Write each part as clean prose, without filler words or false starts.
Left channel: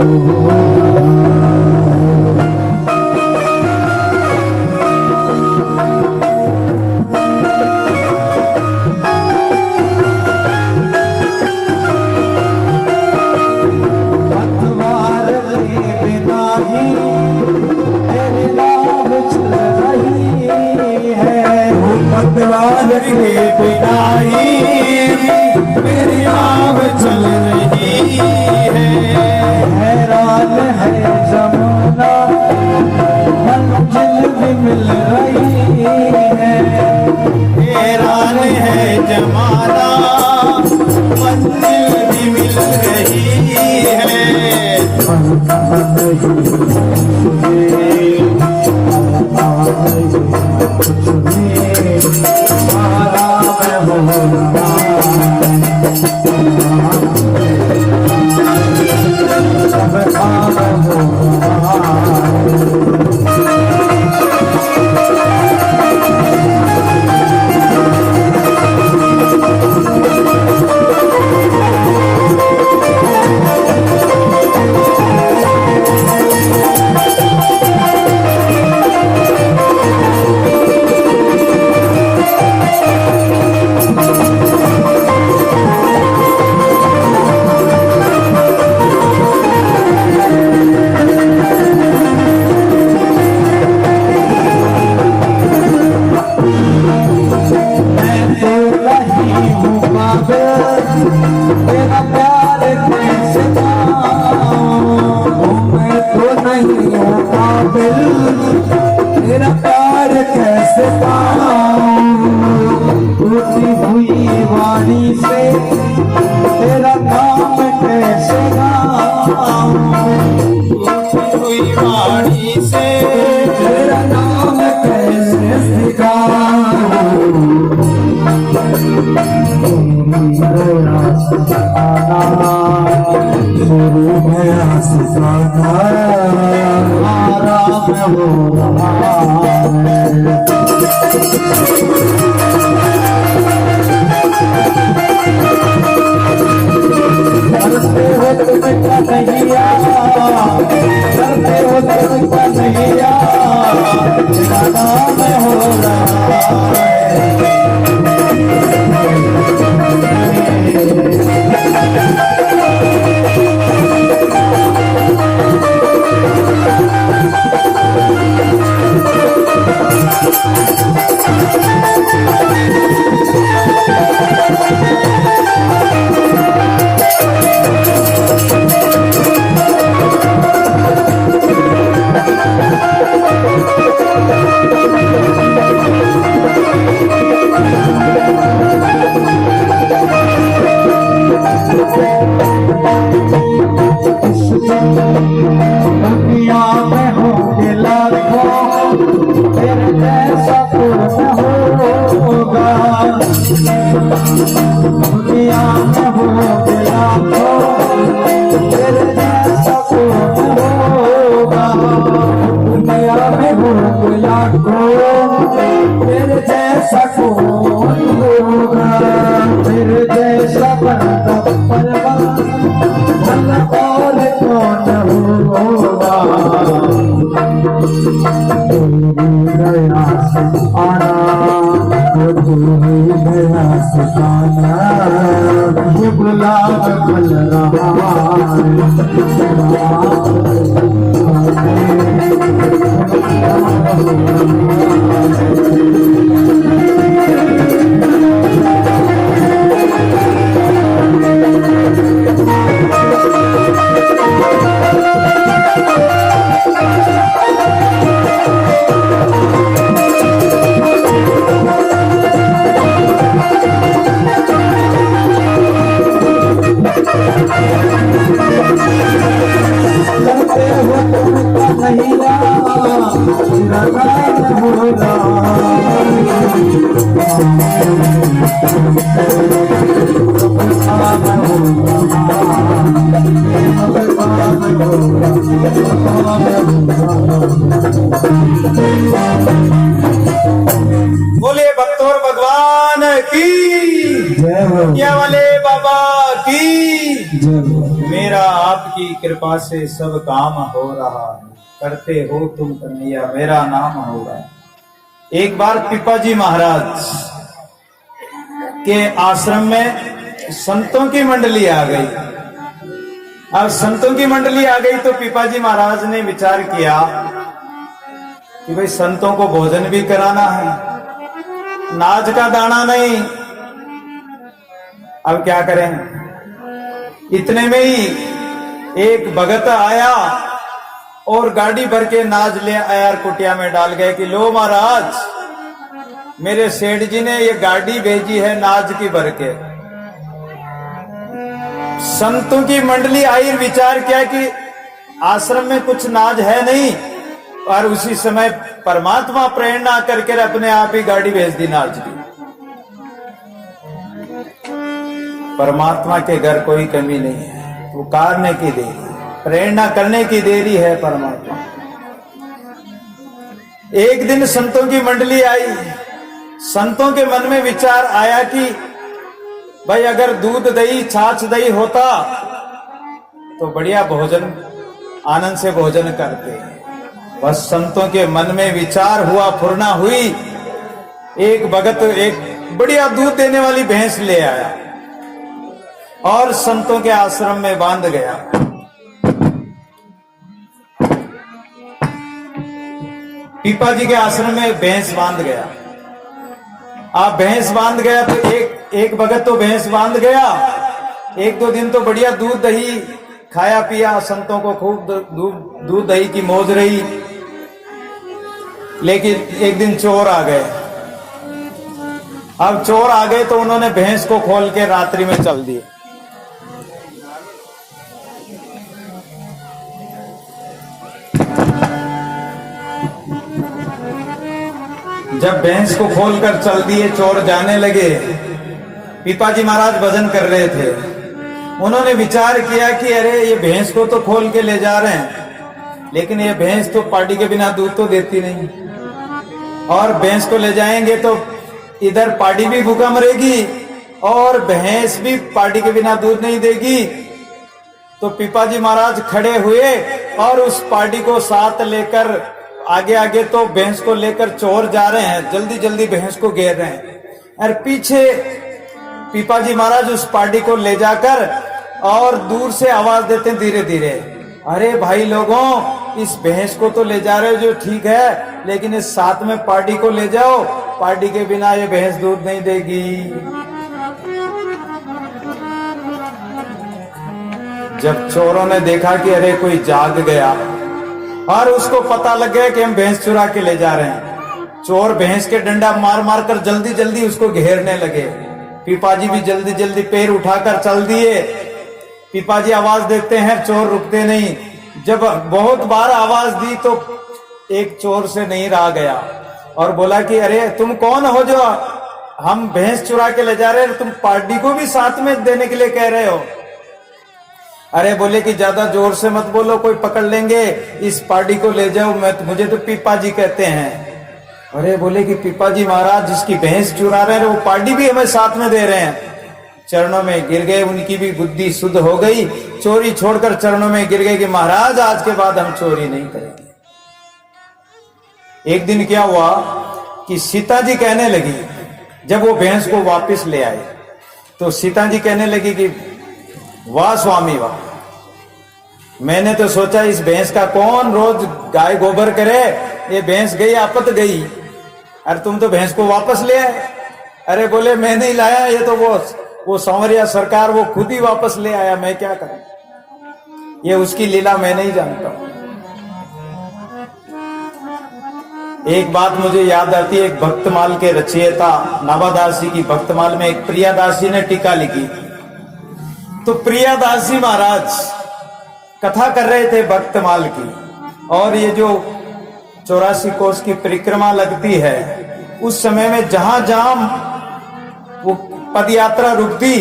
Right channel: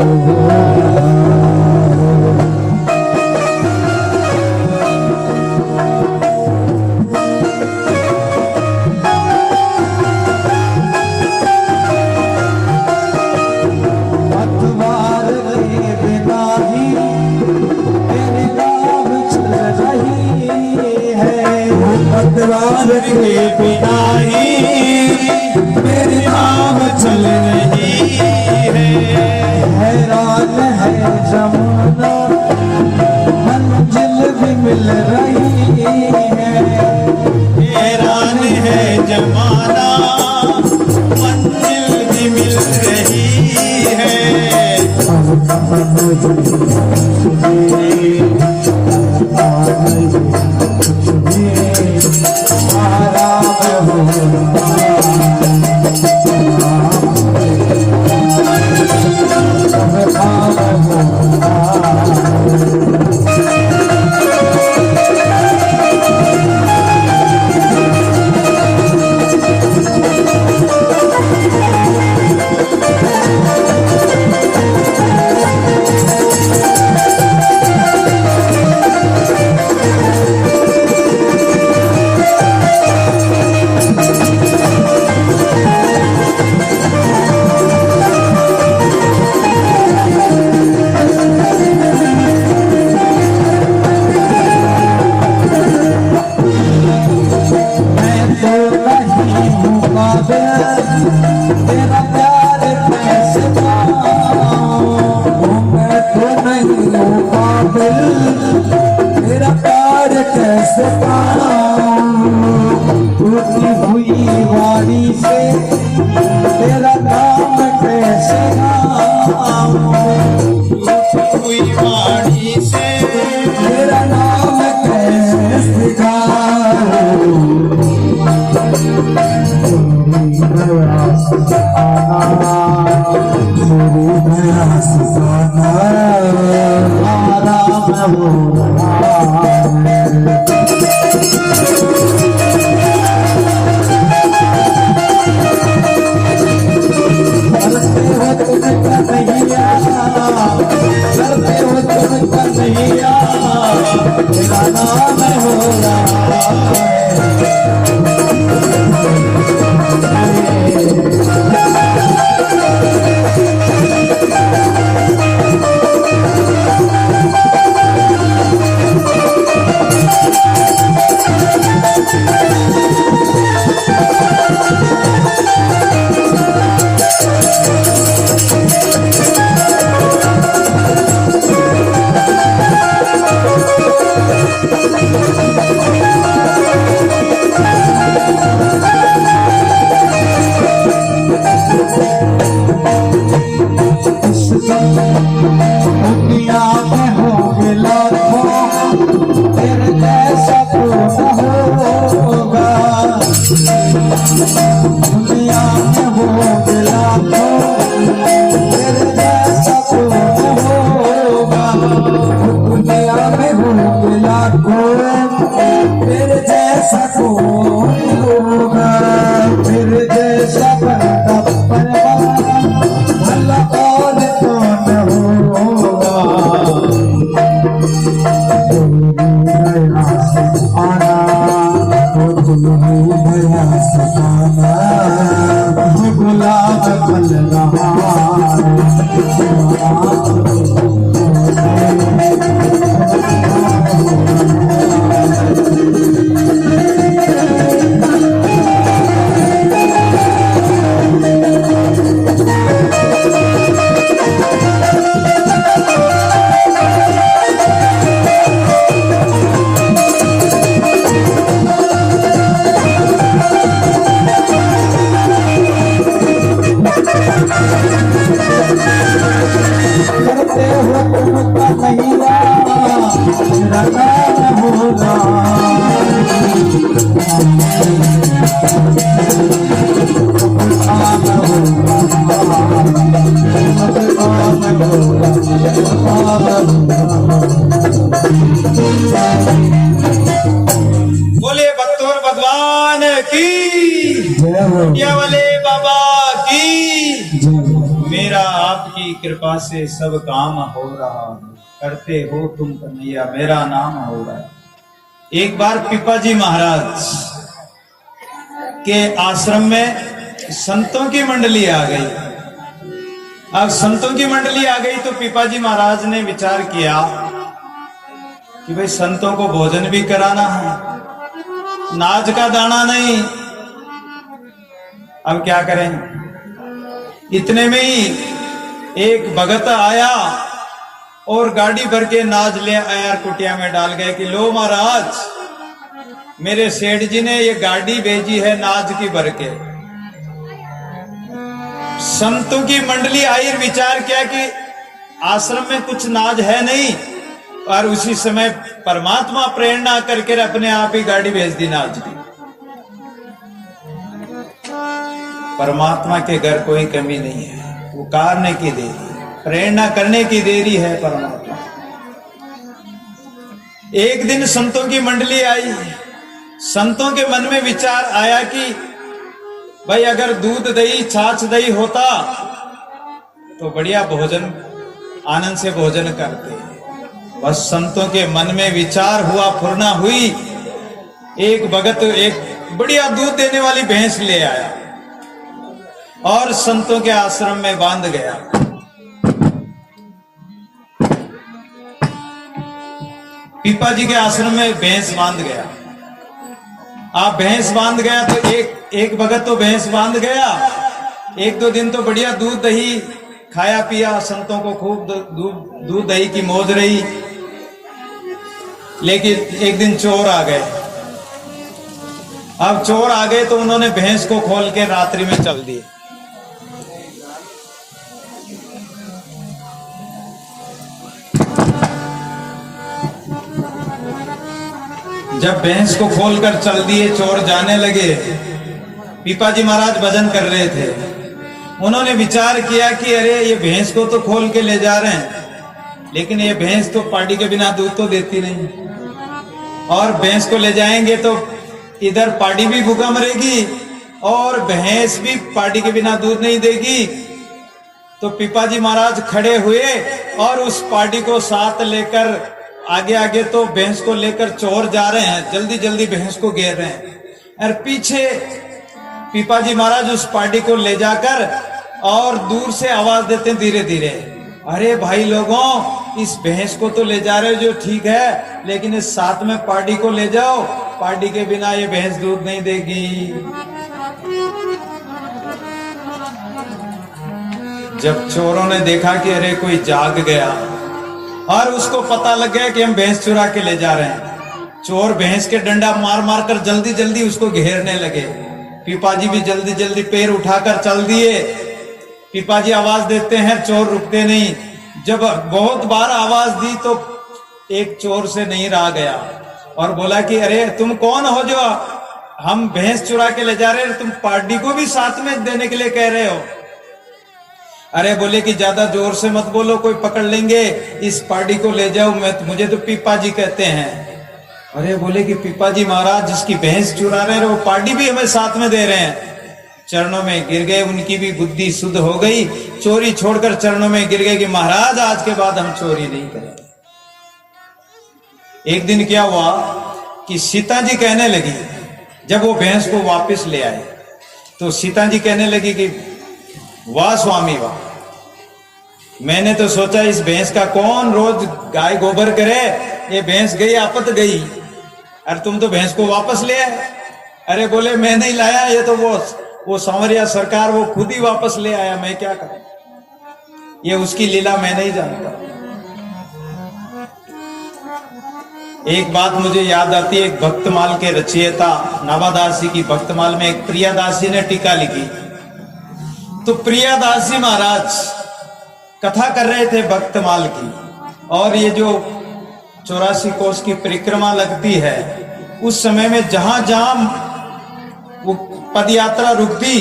पतवार के बिना ही मेरी नाव चल रही है। हैरान है जमाना मंजिल भी मिल रही है। हैरान है जमाना मंजिल भी मिल रही है। तेरा प्यार कैसे पाऊं, मैं तो नहीं हूँ काबिल, तेरा प्यार कैसे पाऊं। टूटी हुई वाणी से तेरा नाम कैसे गाऊं, टूटी हुई वाणी से तेरा नाम कैसे गाऊं। करते हो तुम क्या नहीं करते हो तुम क्या नहीं तेरा नाम हो रहा है। दुनिया में होंगे लाखों तेरे जैसा कोई होगा। दुनिया में होंगे लाखों तेरे जैसा कोई होगा। दुनिया में होंगे लाखों तेरे जैसा कोई होगा। तेरे जैसा बंदा परवान और कौन होगा। गया से आना तू ही गया से आना, ये गुलाब फल रहा करते हो तुम का नहीं बोले बख्तौर भगवान की जय हो, वाले बाबा की जय हो। मेरा आपकी कृपा से सब काम हो रहा है, करते हो तुम कन्हैया मेरा नाम हो रहा है। एक बार पिपाजी महाराज के आश्रम में संतों की मंडली आ गई। अब संतों की मंडली आ गई तो पिपाजी महाराज ने विचार किया कि भाई संतों को भोजन भी कराना है, नाज का दाना नहीं, अब क्या करें। इतने में ही एक भगत आया और गाड़ी भर के नाज ले आया, कुटिया में डाल गए कि लो महाराज, मेरे सेठ जी ने ये गाड़ी भेजी है नाज की भर के। संतों की मंडली आई, विचार किया कि आश्रम में कुछ नाज है नहीं, और उसी समय परमात्मा प्रेरणा करके अपने आप ही गाड़ी भेज दी नाज की। परमात्मा के घर कोई कमी नहीं है, पुकारने की देरी, प्रेरणा करने की देरी है परमात्मा। एक दिन संतों की मंडली आई, संतों के मन में विचार आया कि भाई अगर दूध दही छाछ दही होता तो बढ़िया भोजन, आनंद से भोजन करते। बस संतों के मन में विचार हुआ, फुरना हुई, एक भगत एक बढ़िया दूध देने वाली भैंस ले आया और संतों के आश्रम में बांध गया। पिपाजी के आश्रम में भैंस बांध गया। आप भैंस बांध गया तो एक भगत तो भैंस बांध गया, एक दो दिन तो बढ़िया दूध दही खाया पिया, संतों को खूब दूध दही की मौज रही। लेकिन एक दिन चोर आ गए। अब चोर आ गए तो उन्होंने भैंस को खोल के रात्रि में चल दिए। जब भैंस को खोलकर चल दिए, चोर जाने लगे। पिपाजी महाराज भजन कर रहे थे, उन्होंने विचार किया कि अरे ये भैंस को तो खोल के ले जा रहे हैं, लेकिन ये भैंस तो पार्टी के बिना दूध तो देती नहीं, और भैंस को ले जाएंगे तो इधर पार्टी भी भूखा मरेगी और भैंस भी पार्टी के बिना दूध नहीं देगी। तो पिपाजी महाराज खड़े हुए और उस पार्टी को साथ लेकर आगे आगे तो भैंस को लेकर चोर जा रहे हैं, जल्दी जल्दी भैंस को घेर रहे हैं, और पीछे पिपाजी महाराज उस पार्टी को ले जाकर और दूर से आवाज देते धीरे धीरे, अरे भाई लोगों, इस भैंस को तो ले जा रहे हो जो ठीक है, लेकिन इस साथ में पार्टी को ले जाओ, पार्टी के बिना ये भैंस दूध नहीं देगी। जब चोरों ने देखा कि अरे कोई जाग गया और उसको पता लग गया कि हम भैंस चुरा के ले जा रहे हैं, चोर भैंस के डंडा मार मार कर जल्दी जल्दी उसको घेरने लगे। पिपाजी भी जल्दी जल्दी पैर उठाकर चल दिए। पिपाजी आवाज देते हैं, चोर रुकते नहीं। जब बहुत बार आवाज दी तो एक चोर से नहीं रहा गया और बोला कि अरे तुम कौन हो जो हम भैंस चुरा के ले जा रहे हैं, तुम पार्टी को भी साथ में देने के लिए कह रहे हो। अरे बोले कि ज्यादा जोर से मत बोलो, कोई पकड़ लेंगे, इस पार्टी को ले जाओ, मुझे तो पिपाजी कहते हैं। अरे बोले कि पिपाजी महाराज जिसकी भैंस चुरा रहे हैं वो पार्टी भी हमें साथ में दे रहे हैं। चरणों में गिर गए, उनकी भी बुद्धि शुद्ध हो गई, चोरी छोड़कर चरणों में गिर गए कि महाराज आज के बाद हम चोरी नहीं करेंगे। एक दिन क्या हुआ कि सीता जी कहने लगी, जब वो भैंस को वापस ले आए तो सीता जी कहने लगी कि वाह स्वामी वाह, मैंने तो सोचा इस भैंस का कौन रोज गाय गोबर करे, ये भैंस गई आपत गई, और तुम तो भैंस को वापस ले आए। अरे बोले मैं नहीं लाया, ये तो वो सांवरिया सरकार वो खुद ही वापस ले आया, मैं क्या करूं, ये उसकी लीला मैं नहीं जानता। एक बात मुझे याद आती है, एक भक्तमाल के रचयिता नाभादास जी की भक्तमाल में एक प्रियादास जी ने टीका लिखी। तो प्रियादास जी महाराज कथा कर रहे थे भक्तमाल की, और ये जो 84 कोस की परिक्रमा लगती है, उस समय में जहां जहां वो पद यात्रा रुकती,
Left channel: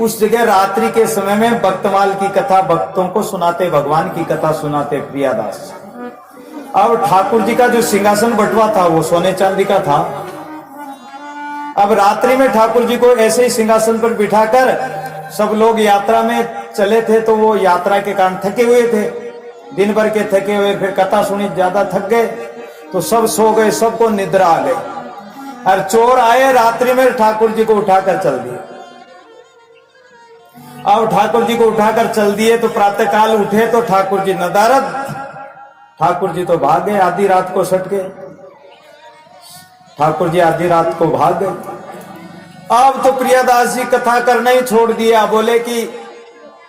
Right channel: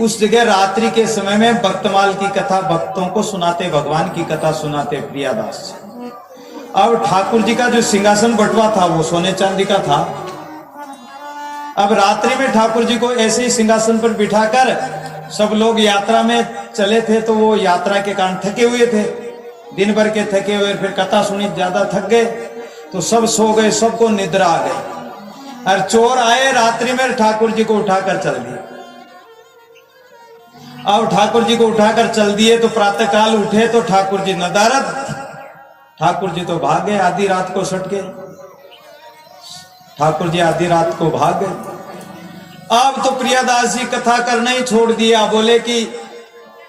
उस जगह रात्रि के समय में भक्तमाल की कथा भक्तों को सुनाते, भगवान की कथा सुनाते प्रियादास। अब ठाकुर जी का जो सिंहासन बटवा था वो सोने चांदी का था। अब रात्रि में ठाकुर जी को ऐसे ही सिंहासन पर बिठाकर सब लोग यात्रा में चले थे, तो वो यात्रा के कारण थके हुए थे, दिन भर के थके हुए, फिर कथा सुनी, ज्यादा थक गए, तो सब सो गए, सबको निद्रा आ गई। और चोर आए रात्रि में, ठाकुर जी को उठाकर चल दिए। अब ठाकुर जी को उठाकर चल दिए तो प्रातःकाल उठे तो ठाकुर जी नदारद, ठाकुर जी तो भाग गए, आधी रात को सट गए, ठाकुर जी आधी रात को भाग गए। अब तो प्रियादास जी कथा करना ही छोड़ दिया, बोले कि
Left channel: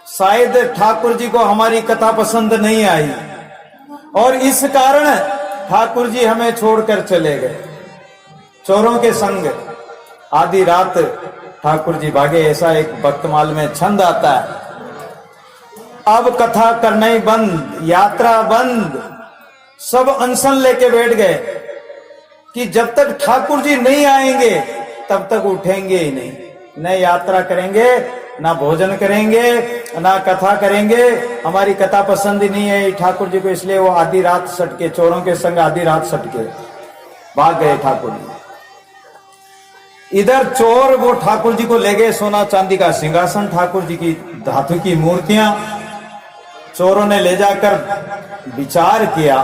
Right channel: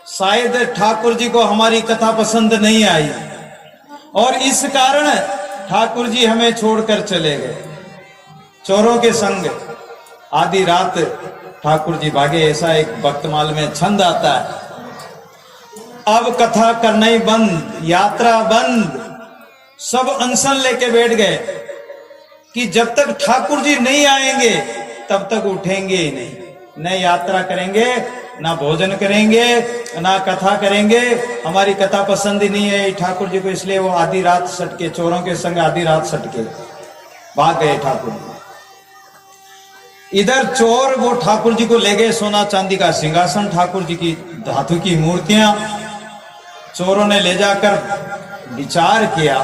शायद ठाकुर जी को हमारी कथा पसंद नहीं आई और इस कारण ठाकुर जी हमें छोड़कर चले गए चोरों के संग। आधी रात ठाकुर जी भागे, ऐसा एक भक्तमाल में छंद आता है। अब कथा करना ही बंद, यात्रा बंद, सब अनशन लेके बैठ गए कि जब तक ठाकुर जी नहीं आएंगे तब तक उठेंगे ही नहीं, न यात्रा करेंगे, ना भोजन करेंगे, ना कथा करेंगे, हमारी कथा पसंद ही नहीं है ठाकुर जी को। इसलिए वो आधी रात सटके, चोरों के संग आधी रात सटके भाग गए ठाकुर जी। इधर चोर वो ठाकुर जी को ले गए, सोना चांदी का सिंहासन, ठाकुर जी की धातु की मूर्तियां चोरों ने ले जाकर विचार किया।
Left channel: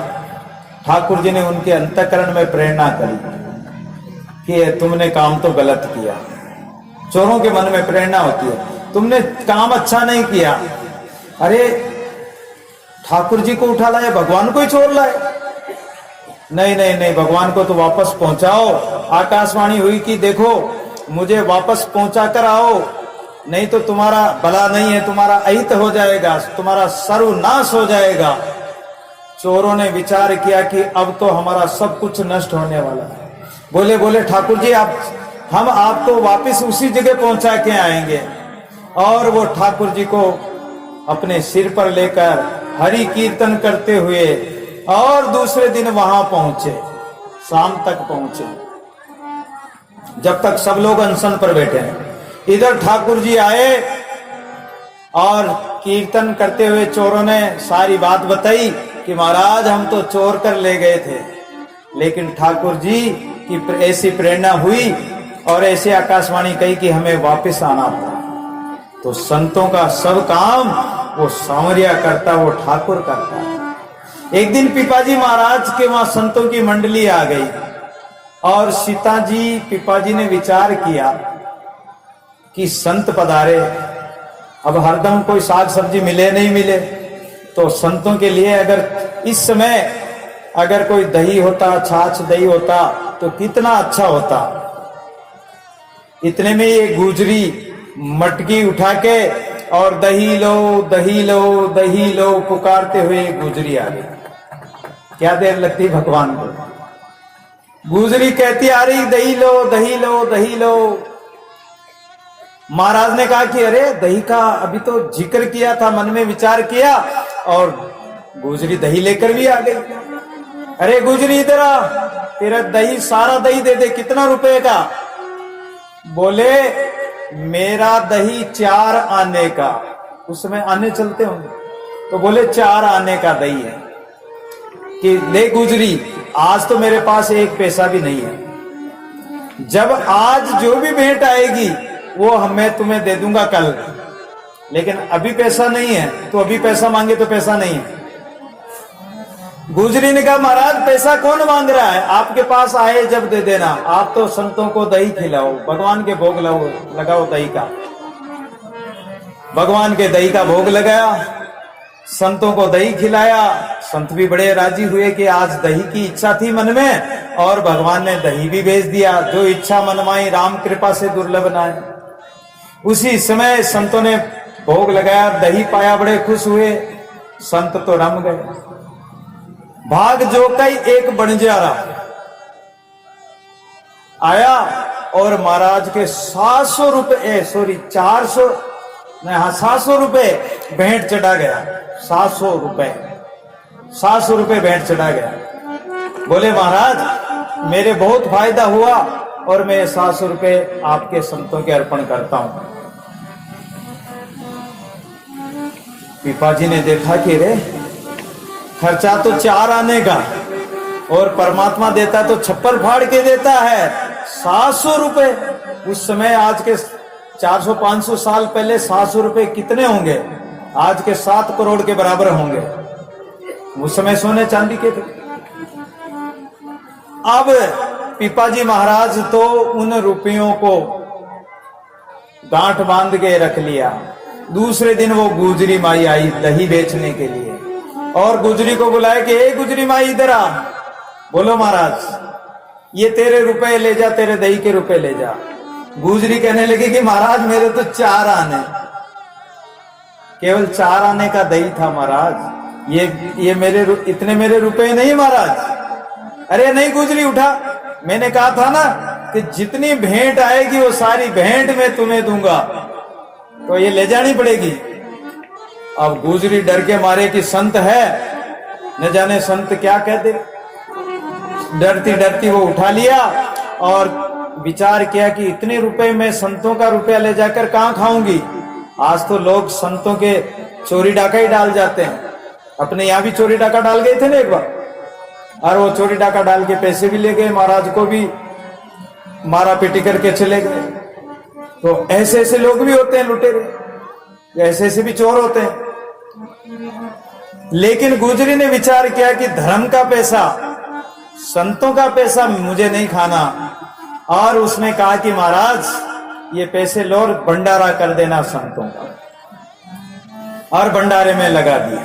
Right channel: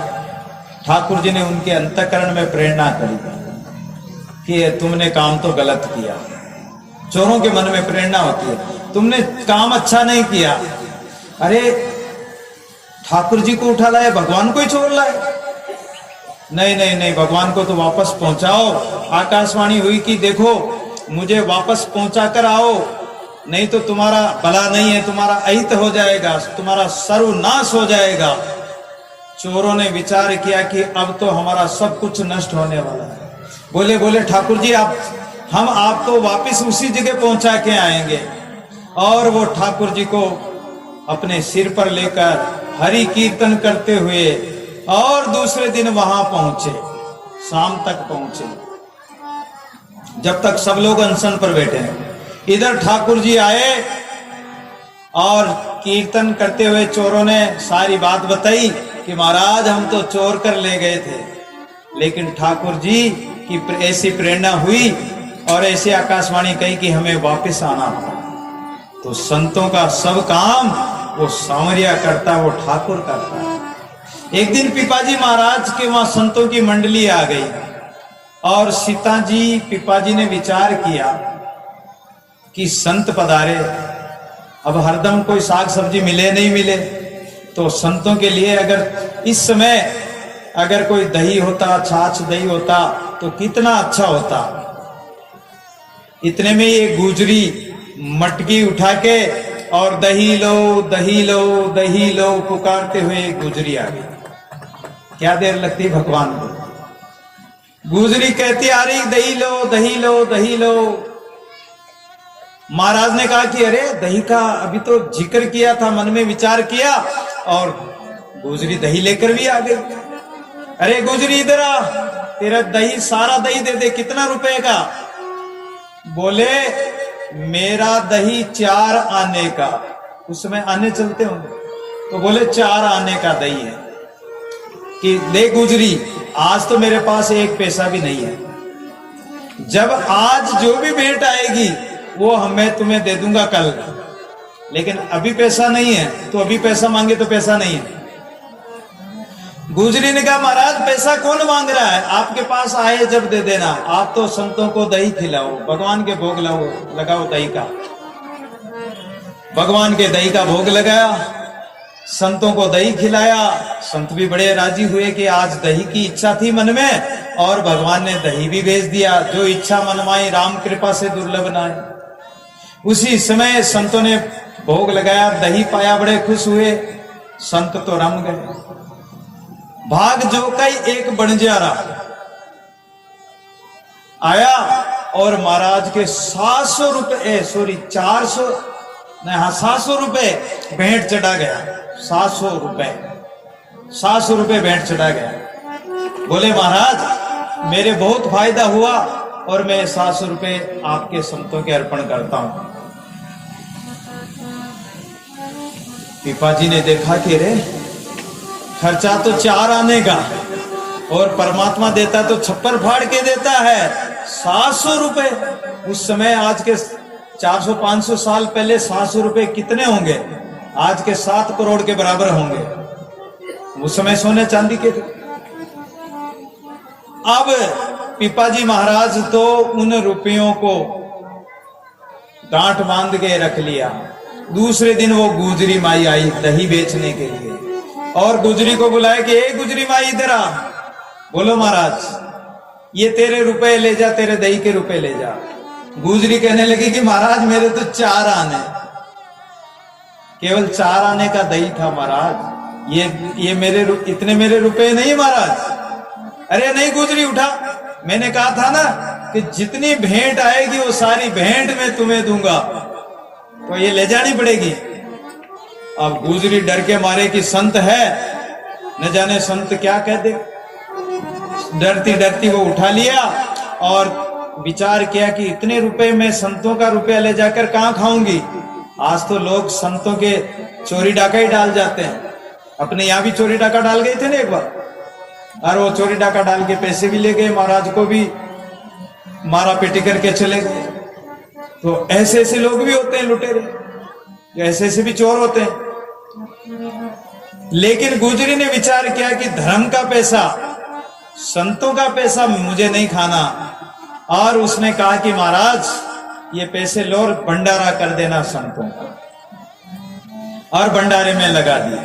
ठाकुर जी ने उनके अंतःकरण में प्रेरणा करी कि तुमने काम तो गलत किया। चोरों के मन में प्रेरणा होती है, तुमने काम अच्छा नहीं किया। अरे ठाकुर जी को उठा लाए, भगवान को ही चोर लाए। नहीं नहीं नहीं, भगवान को तो वापस पहुंचाओ। आकाशवाणी हुई कि देखो मुझे वापस पहुंचा कर आओ, नहीं तो तुम्हारा भला नहीं है, तुम्हारा अहित हो जाएगा, तुम्हारा सर्वनाश हो जाएगा। चोरों ने विचार किया कि अब तो हमारा सब कुछ नष्ट होने वाला है। बोले ठाकुर जी हम आपको वापस उसी जगह पहुंचा के आएंगे। और वो ठाकुर जी को अपने सिर पर लेकर हरि कीर्तन करते हुए और दूसरे दिन वहां पहुंचे, शाम तक पहुंचे, जब तक सब लोग अनशन पर बैठे हैं। इधर ठाकुर जी आए और कीर्तन करते हुए चोरों ने सारी बात बताई कि महाराज हम तो चोर कर ले गए थे, लेकिन ठाकुर जी की ऐसी प्रेरणा हुई और ऐसी आकाशवाणी कही कि हमें वापस आना था। तो संतों का सब काम वो सांवरिया करता, वो ठाकुर करता है। एक दिन पिपाजी महाराज के वहां संतों की मंडली आ गई और सीता जी पिपाजी ने विचार किया कि संत पधारे, अब हरदम कोई साग सब्जी मिले नहीं मिले, तो संतों के लिए अगर इस समय अगर कोई दही होता, छाछ दही होता तो कितना अच्छा होता। इतने में ये गुजरी मटकी उठा के और दही लो दही लो दही लो पुकारते हुए गुजरी आ गई। क्या देर लगती भगवान को, गुजरी कहती आ रही दही लो दही लो दही लो। महाराज ने कहा कि अरे दही का अभी तो जिक्र किया था, मन में विचार किया और गुजरी दही लेकर भी आ गई। अरे गुजरी इधर आ, तेरा दही सारा दही दे दे, कितना रुपए का? बोले मेरा दही 4 आने का, उसमें आने चलते होंगे, तो बोले 4 आने का दही है कि ले गुजरी, आज तो मेरे पास 1 पैसा भी नहीं है, जब आज जो भी भेंट आएगी वो मैं तुम्हें दे दूंगा कल, लेकिन अभी पैसा नहीं है, तो अभी पैसा मांगे तो पैसा नहीं है। गुजरी ने कहा महाराज पैसा कौन मांग रहा है, आपके पास आए जब दे देना, आप तो संतों को दही खिलाओ, भगवान के भोग लगाओ दही का। भगवान के दही का भोग लगाया, संतों को दही खिलाया, संत भी बड़े राजी हुए कि आज दही की इच्छा थी मन में और भगवान ने दही भी भेज दिया। जो इच्छा मनमाई राम कृपा से दुर्लभ न है। उसी समय संतों ने भोग लगाया, दही पाया, बड़े खुश हुए, संत तो रम गए। भाग जो कई एक बंजारा आया और महाराज के 700 रुपए 400 नहीं, हाँ 700 रुपए भेंट चढ़ा गया। 700 रुपए भेंट चढ़ा गया। बोले महाराज मेरे बहुत फायदा हुआ और मैं 700 रुपए आपके संतों के अर्पण करता हूं। पिपाजी ने देखा कि रे खर्चा तो 4 आने का और परमात्मा देता तो छप्पर फाड़ के देता है, 700 रुपए। उस समय आज के 400-500 साल पहले 700 रुपए कितने होंगे? आज के 7 करोड़ के बराबर होंगे। उस समय सोने चांदी के थे। अब पिपाजी महाराज तो उन रुपयों को गांठ बांध के रख लिया। दूसरे दिन वो गुजरी माई आई दही बेचने के लिए और गुजरी को बुलाया कि ए गुजरी माई इधर आ। बोलो महाराज, ये तेरे रुपए ले जा, तेरे दही के रुपए ले जा। गुजरी कहने लगी कि महाराज मेरे तो 4 आने, केवल 4 आने का दही था महाराज, ये मेरे इतने मेरे रुपए नहीं महाराज। अरे नहीं गुजरी उठा, मैंने कहा था ना कि जितनी भेंट आएगी वो सारी भेंट मैं तुम्हें दूंगा, तो ये ले जानी पड़ेगी। अब गुजरी डर के मारे कि संत है, न जाने संत क्या कह दे। डरती डरती वो उठा लिया और विचार किया कि इतने रुपए में संतों का रुपया ले जाकर कहां खाऊंगी। आज तो लोग संतों के चोरी डाका ही डाल जाते हैं। अपने यहां भी चोरी डाका डाल गए थे ना एक बार, और वो चोरी डाका डाल के पैसे भी ले गए, महाराज को भी मारा पीटी करके चले गए। तो ऐसे ऐसे लोग भी होते हैं लुटेरे, ऐसे ऐसे भी चोर होते हैं। लेकिन गुजरी ने विचार किया कि धर्म का पैसा, संतों का पैसा मुझे नहीं खाना, और उसने कहा कि महाराज ये पैसे लो और भंडारा कर देना संतों का, और भंडारे में लगा दिया।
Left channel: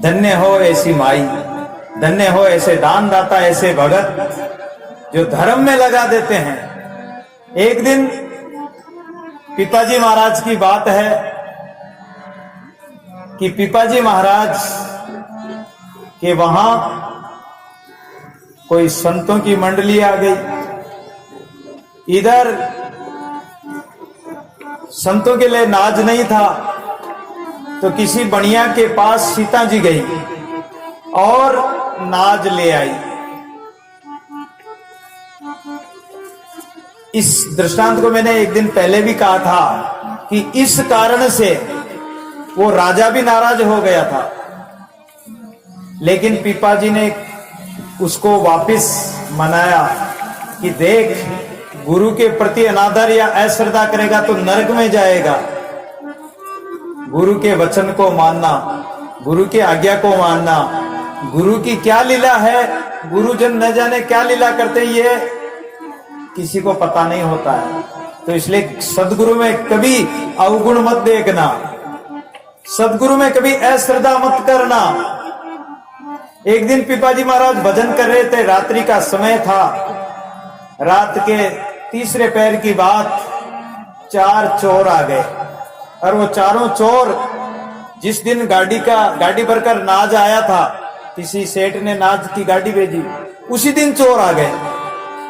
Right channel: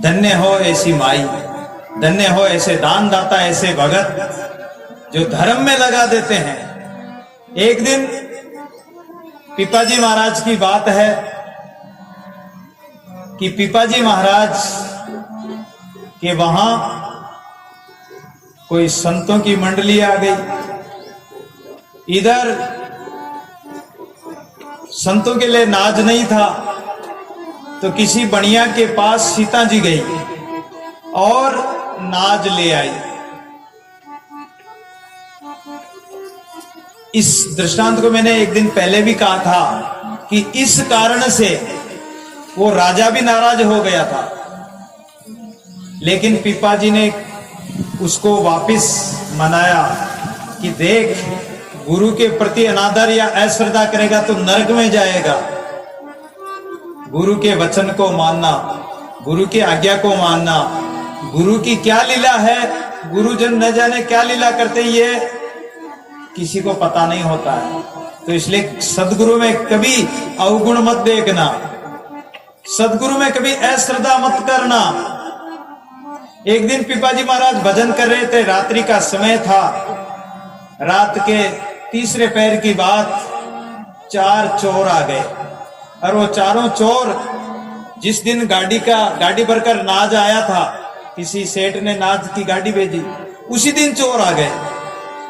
धन्य हो ऐसी माई, धन्य हो ऐसे दानदाता, ऐसे भगत जो धर्म में लगा देते हैं। एक दिन पिपाजी महाराज की बात है कि पिपाजी महाराज के वहां कोई संतों की मंडली आ गई। इधर संतों के लिए नाज नहीं था, तो किसी बनिया के पास सीता जी गई और नाज ले आई। इस दृष्टांत को मैंने एक दिन पहले भी कहा था कि इस कारण से वो राजा भी नाराज हो गया था, लेकिन पिपाजी ने उसको वापस मनाया कि देख, गुरु के प्रति अनादर या अश्रद्धा करेगा तो नरक में जाएगा। गुरु के वचन को मानना, गुरु की आज्ञा को मानना, गुरु की क्या लीला है, गुरुजन न जाने क्या लीला करते, ये किसी को पता नहीं होता है। तो इसलिए सदगुरु में कभी अवगुण मत देखना, सदगुरु में कभी अश्रद्धा मत करना। एक दिन पिपाजी महाराज भजन कर रहे थे, रात्रि का समय था, रात के तीसरे पैर की बात, 4 चोर आ गए, और वो चारों चोर जिस दिन गाड़ी भरकर नाज आया था, किसी सेठ ने नाज की गाड़ी भेजी, उसी दिन चोर आ गए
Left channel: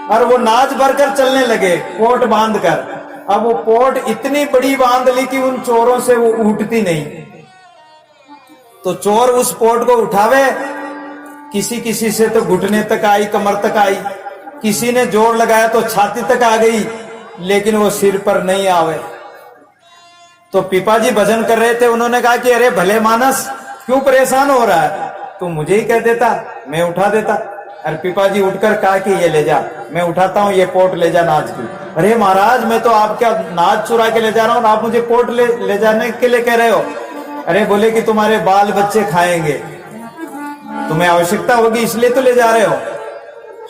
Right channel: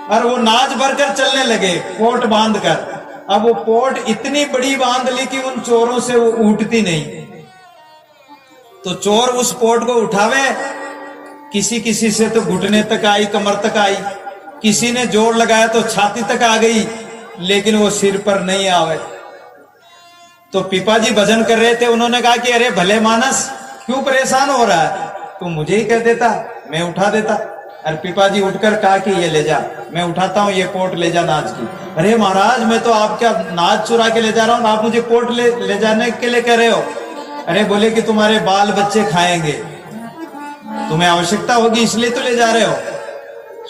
और वो नाज भरकर चलने लगे पोट बांध कर। अब वो पोट इतनी बड़ी बांध ली कि उन चोरों से वो उठती नहीं। तो चोर उस पोट को उठावे, किसी किसी से तो घुटने तक आई, कमर तक आई, किसी ने जोर लगाया तो छाती तक आ गई, लेकिन वो सिर पर नहीं आवे। तो पिपाजी भजन कर रहे थे, उन्होंने कहा कि अरे भले मानस, क्यों परेशान हो रहा है, तू मुझे ही कह देता, मैं उठा देता। और पिपाजी उठकर कहा कि ये ले जा, मैं उठाता हूँ, ये पोट ले जा नाज की। अरे महाराज, मैं तो आपका नाज चुरा के ले जा रहा हूँ, आप मुझे पोट ले जाने के लिए कह रहे हो। अरे बोले कि तुम्हारे बाल बच्चे खाएंगे, तुम्हें आवश्यकता होगी इसलिए तो ले जा रहे हो।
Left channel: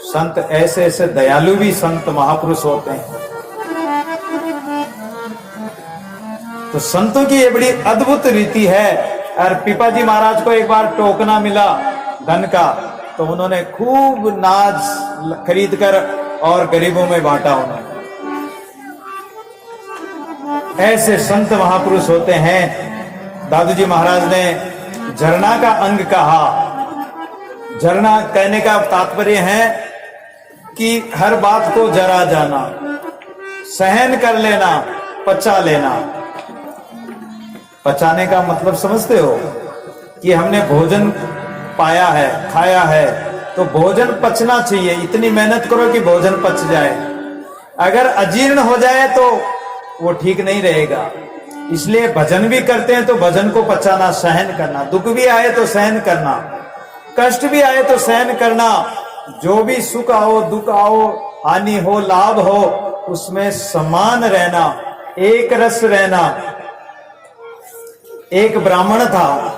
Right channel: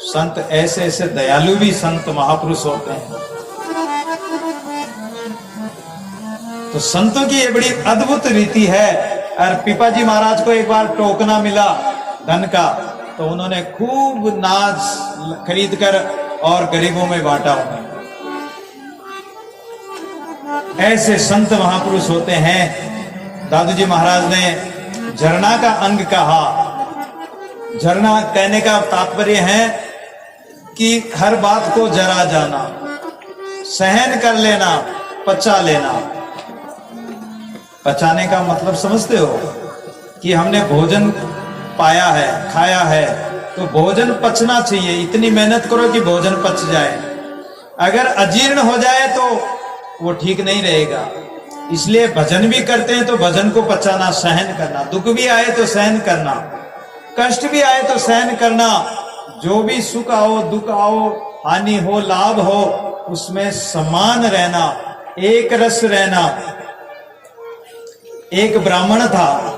संत ऐसे ऐसे दयालु भी संत महापुरुष होते हैं। तो संतों की ये बड़ी अद्भुत रीति है। और पिपाजी महाराज को एक बार टोकना मिला धन का, तो उन्होंने खूब नाज खरीद कर और गरीबों में बांटा उन्होंने। ऐसे संत महापुरुष होते हैं। दादू जी महाराज ने झरना का अंग कहा। झरना कहने का तात्पर्य है कि हर बात को जरा जाना, सहन कर लेना, पचा लेना। पचाने का मतलब समझते हो कि हमने भोजन पाया है, खाया है, तो भोजन पचना चाहिए। इतनी मेहनत करो कि भोजन पच जाए। अगर अजीर्ण हो जाए तो वो ठीक नहीं रहेगा। इसलिए भजन भी करते हैं तो भजन को पचाना, सहन करना। दुख भी आए तो सहन करना, कष्ट भी आए तो सहन करना। जो भी सुख आओ, दुख आओ, हानि हो, लाभ हो, उसमें समान रहना, एक रस रहना। एक ब्राह्मण था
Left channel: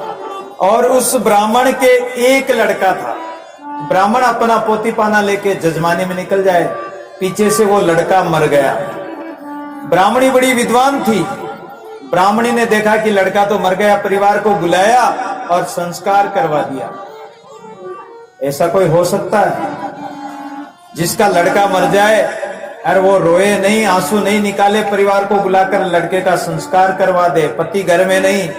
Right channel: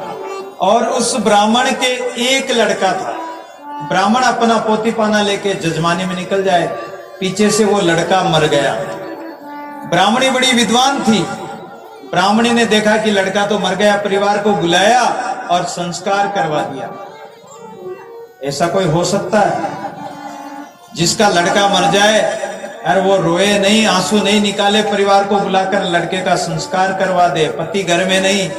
और उस ब्राह्मण के एक लड़का था। ब्राह्मण अपना पोती पाना लेके जजमाने में निकल जाए, पीछे से वो लड़का मर गया। ब्राह्मणी बड़ी विद्वान थी। ब्राह्मणी ने देखा कि लड़का तो मर गया, परिवार को बुलाया और संस्कार करवा दिया। ऐसा कोई हो सकता है जिसका लड़का मर जाए और वो रोए नहीं, आंसू नहीं निकाले, परिवार को बुलाकर लड़के का संस्कार करवा दे? पति घर में नहीं,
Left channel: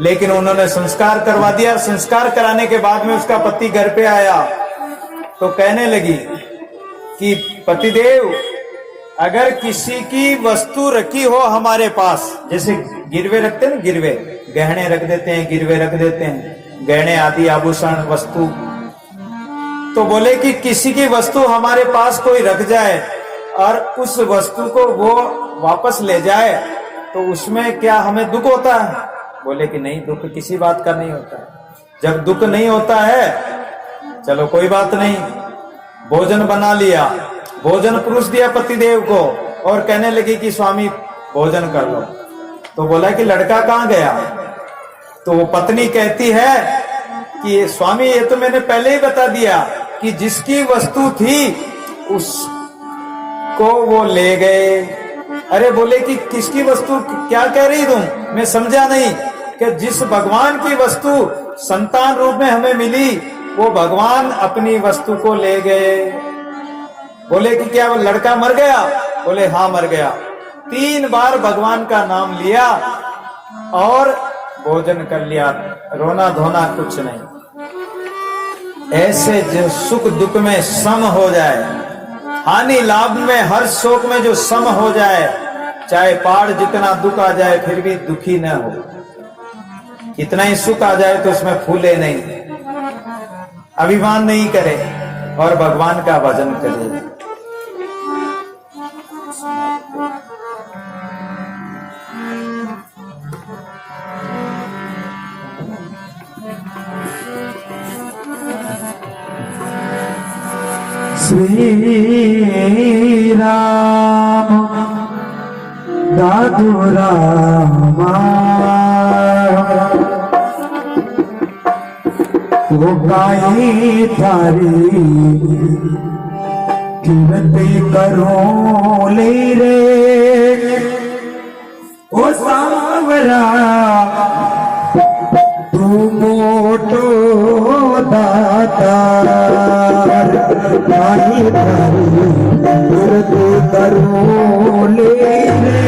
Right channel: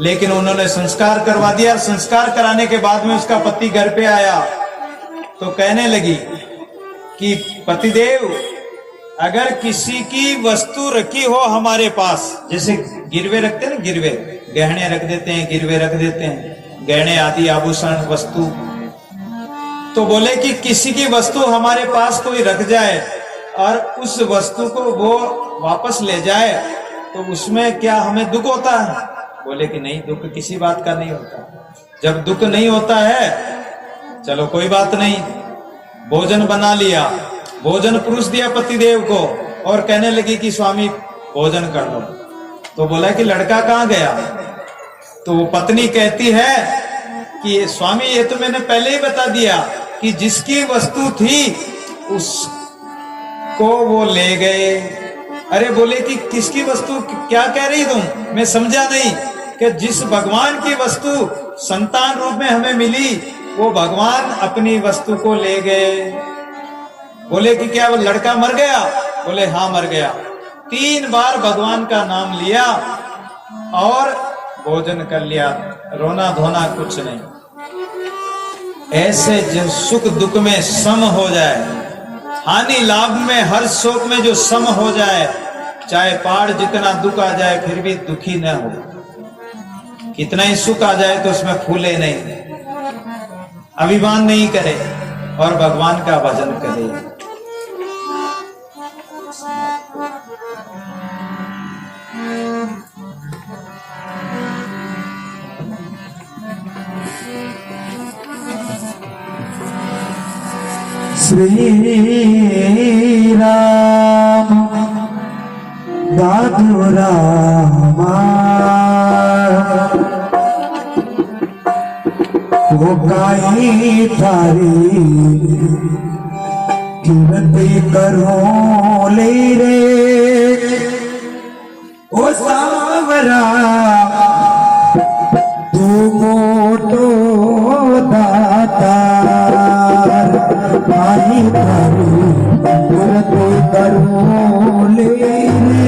लेकिन उन्होंने संस्कार करवा दिया। और संस्कार कराने के बाद में उसका पति घर पे आया तो कहने लगी कि पतिदेव, अगर किसी की वस्तु रखी हो हमारे पास, जैसे गिरवे रखते हैं ना, गिरवे गहने रख देते हैं, गिरवे रख देते हैं, गहने आदि आभूषण वस्तु, तो बोले कि किसी की वस्तु हमारे पास कोई रख जाए और उस वस्तु को वो वापस ले जाए तो उसमें क्या हमें दुख होता है? बोले कि नहीं, दुख किसी बात का नहीं होता। जब दुख नहीं होता है, चलो कोई बात नहीं, भोजन बना लिया, भोजन परोस दिया पतिदेव को और कहने लगी कि स्वामी भोजन कर लो। तो बोला कि लड़का कहाँ गया? तो वो पत्नी कहती है कि स्वामी ये तो मैंने पहले ही बता दिया कि जिसकी वस्तु थी उसको वो ले गए। अरे बोले कि किसकी वस्तु, क्या कह रही तुम? मैं समझा नहीं। कि जिस भगवान की वस्तु संतान रूप में हमें मिली, वो भगवान अपनी वस्तु को ले गए। बोले कि क्या वो लड़का मर गया? बोले हाँ मर गया। 3 बार भगवान का नाम लिया और भोजन कर लिया, रोना धोना कुछ नहीं। ऐसे जो सुख दुख में सम हो जाए, हानि लाभ में हर शोक में जो सम हो जाए, चाहे पहाड़ जितना दुख आ जाए फिर भी दुखी न हो, कितना ही सुख आ जाए तो उसमें फूले नहीं, अभिमान नहीं करे और भगवान का भजन करे। श्री राम दादू रामा वो काई थारी कीर्ति करो ले रे ओ सावरा तू मोटो दातार काई थारी कीर्ति करो ले रे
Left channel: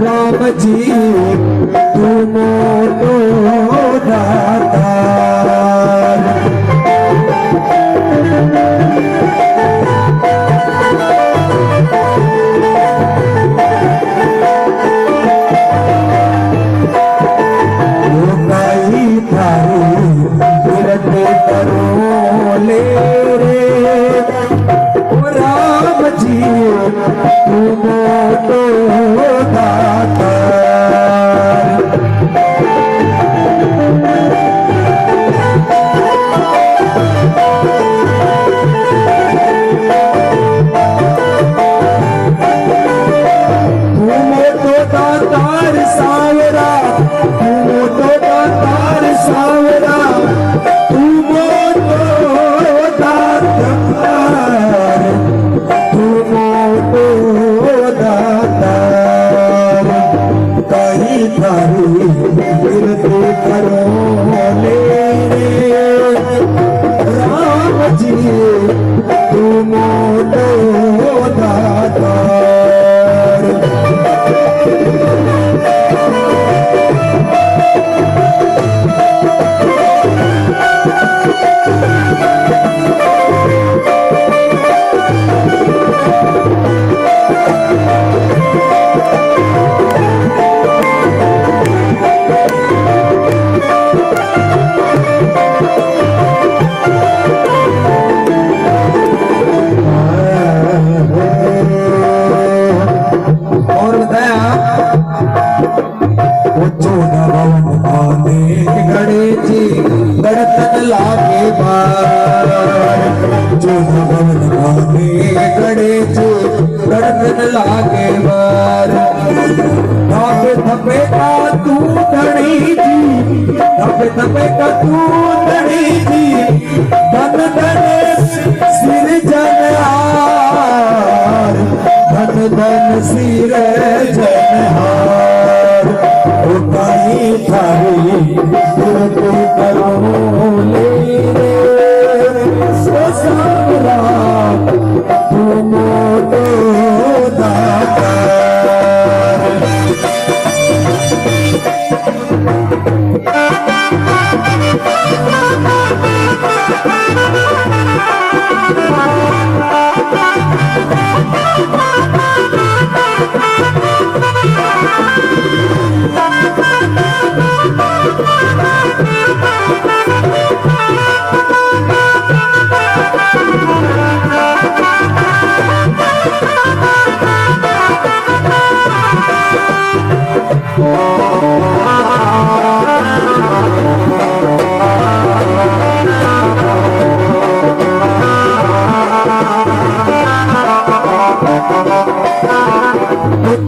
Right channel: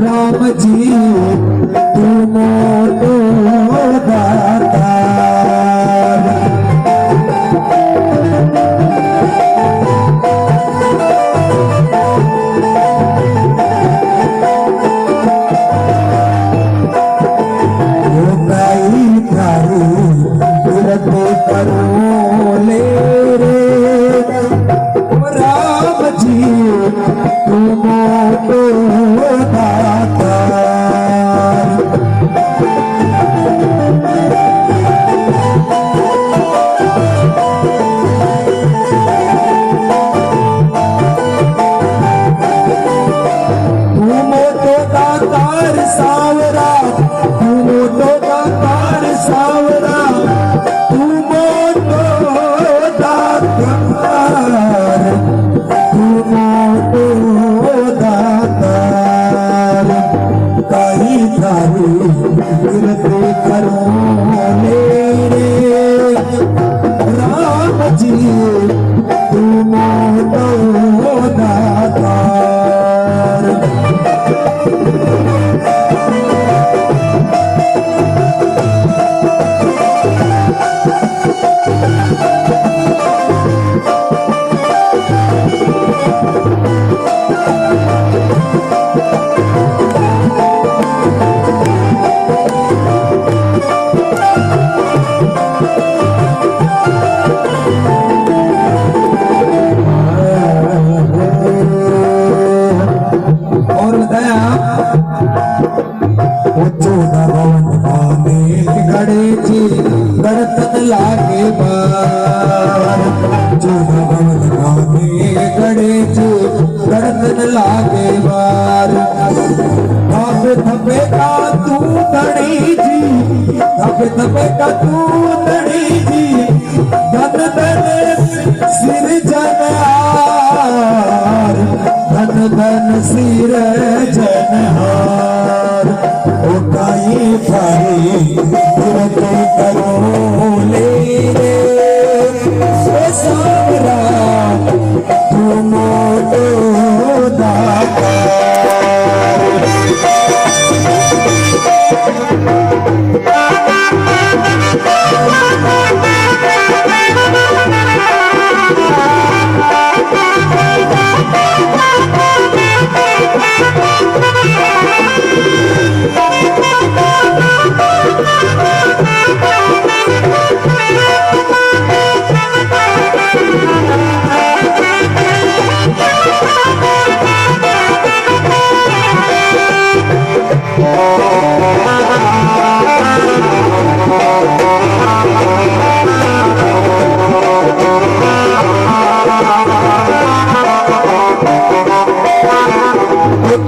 राम जी तू मोटो दातार। लागे बार जो भवन भागे गड़े धड़कन लागे बार थपे थपे का तू धनी जी थपे थपे का तू धनी जी धन धन सिर जनहार धन धन सिर जनहार उठाई थारी तुरते करो ले रे सो सावरा तू मोटो दाता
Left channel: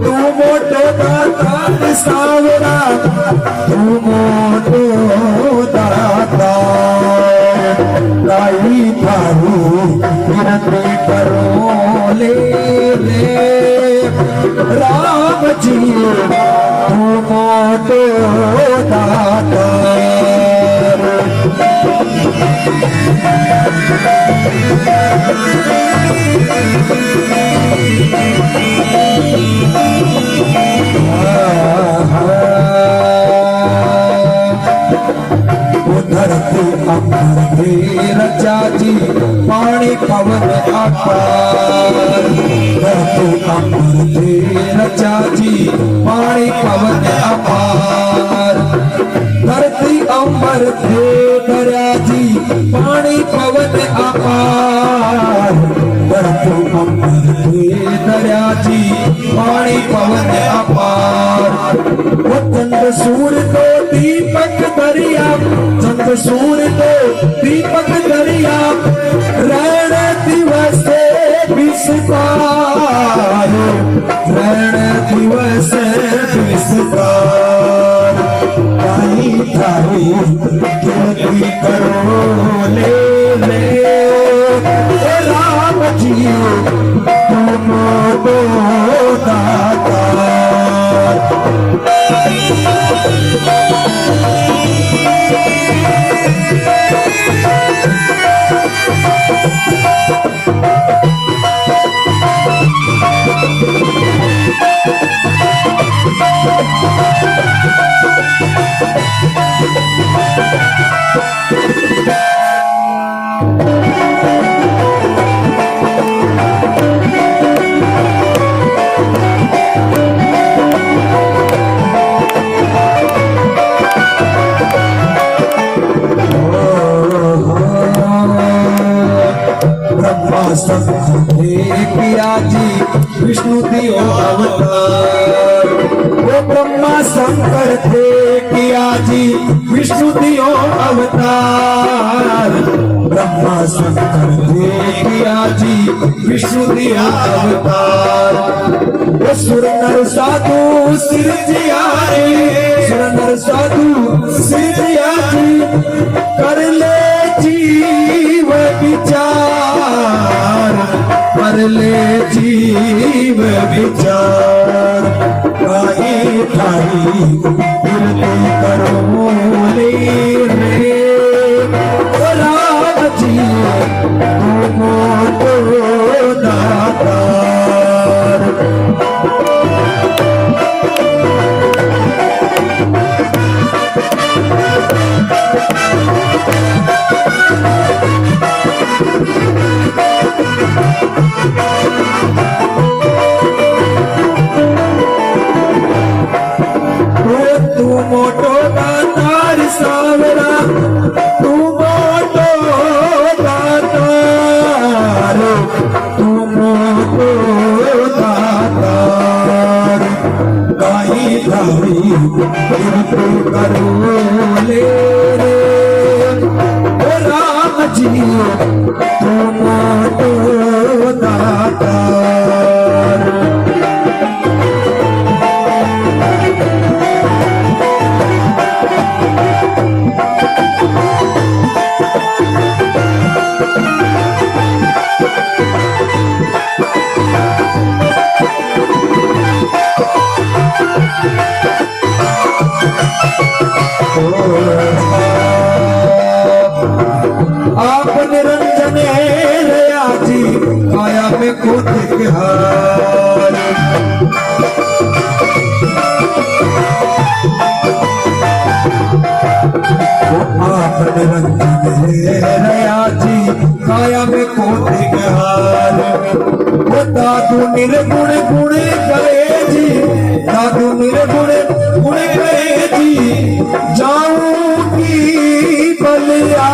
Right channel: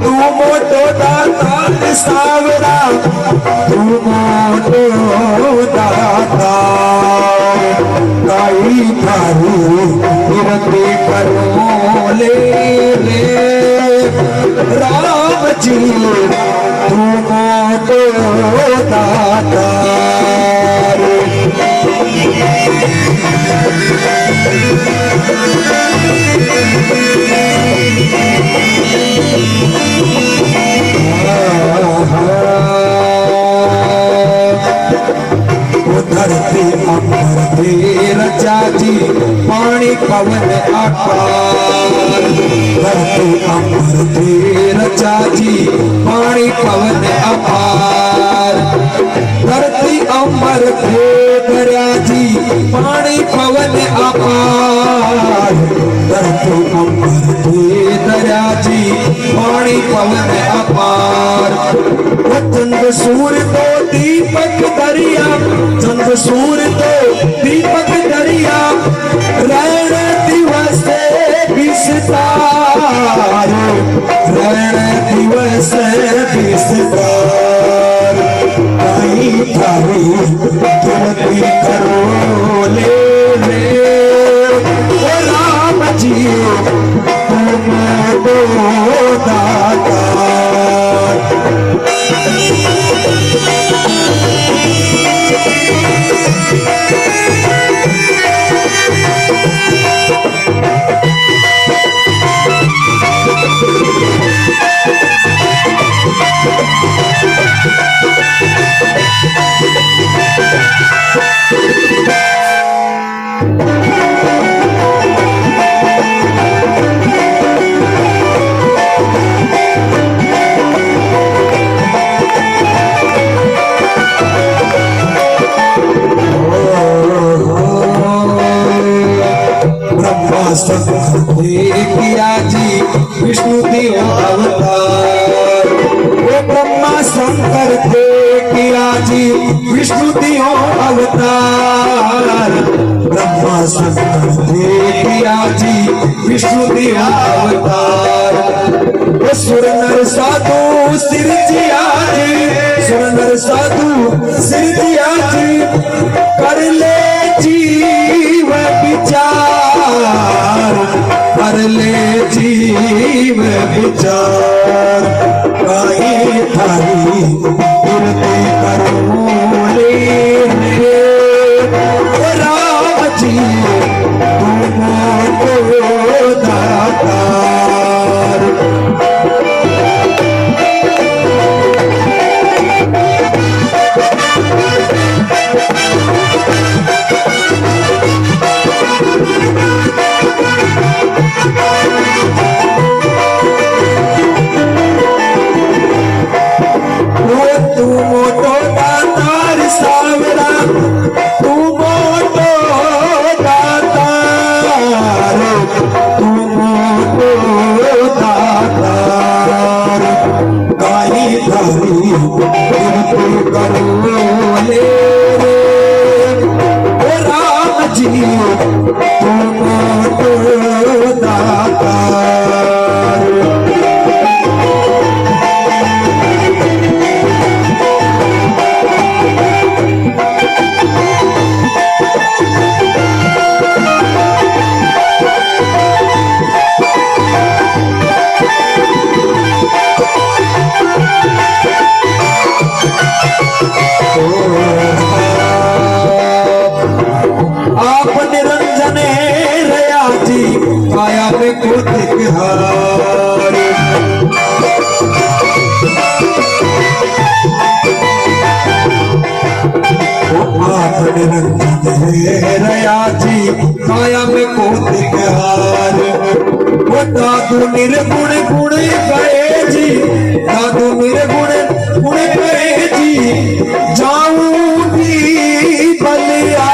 तू मोटो दाता सावरा तू मोटो दाता गाई थारी विनती करो ले रे राम जी तू मोटो दाता धरती अमर थे रचा जी पानी पवन आकार धरती अमर थे रचा जी पानी पवन अपार धरती अमर थे दरिया जी पानी पवन अपार धरती अमर थे दरिया जी पानी पवन अपार वो चंद सूर्य तो दीपक दरिया चंद सूर्य तो दीपक दरिया रण दिवस विस्तार रण दिवस विस्तार काई थारी तुलती करो ले रे ओ राम जी तुम दो दाता किया जी विष्णु दियो अवतार वो ब्रह्मा शंकर थे किया जी विष्णु दियो अवतार ब्रह्मा शंकर थे किया जी विष्णु दियो अवतार वो सुर नर साधु सिर जिया जी सुर नर साधु सिर जिया जी कर ले जीव विचार कर ले जीव विचार काई थारी विनती करो ले रे राम जी तुम तो दातार तू मोटो दातार सावरा तू मोटो दातार तू मोटो दातार काई धारी विनती करो ले रे ओ राम जी तू मोटो दातार आप निरंजने रया जी काया में कोटिक हार आप निरंजने रया जी काया में कोटिक हार वो दादू निर्गुण गुण गए जी दादू निर्गुण गुण गए जी जाऊंगी बलिया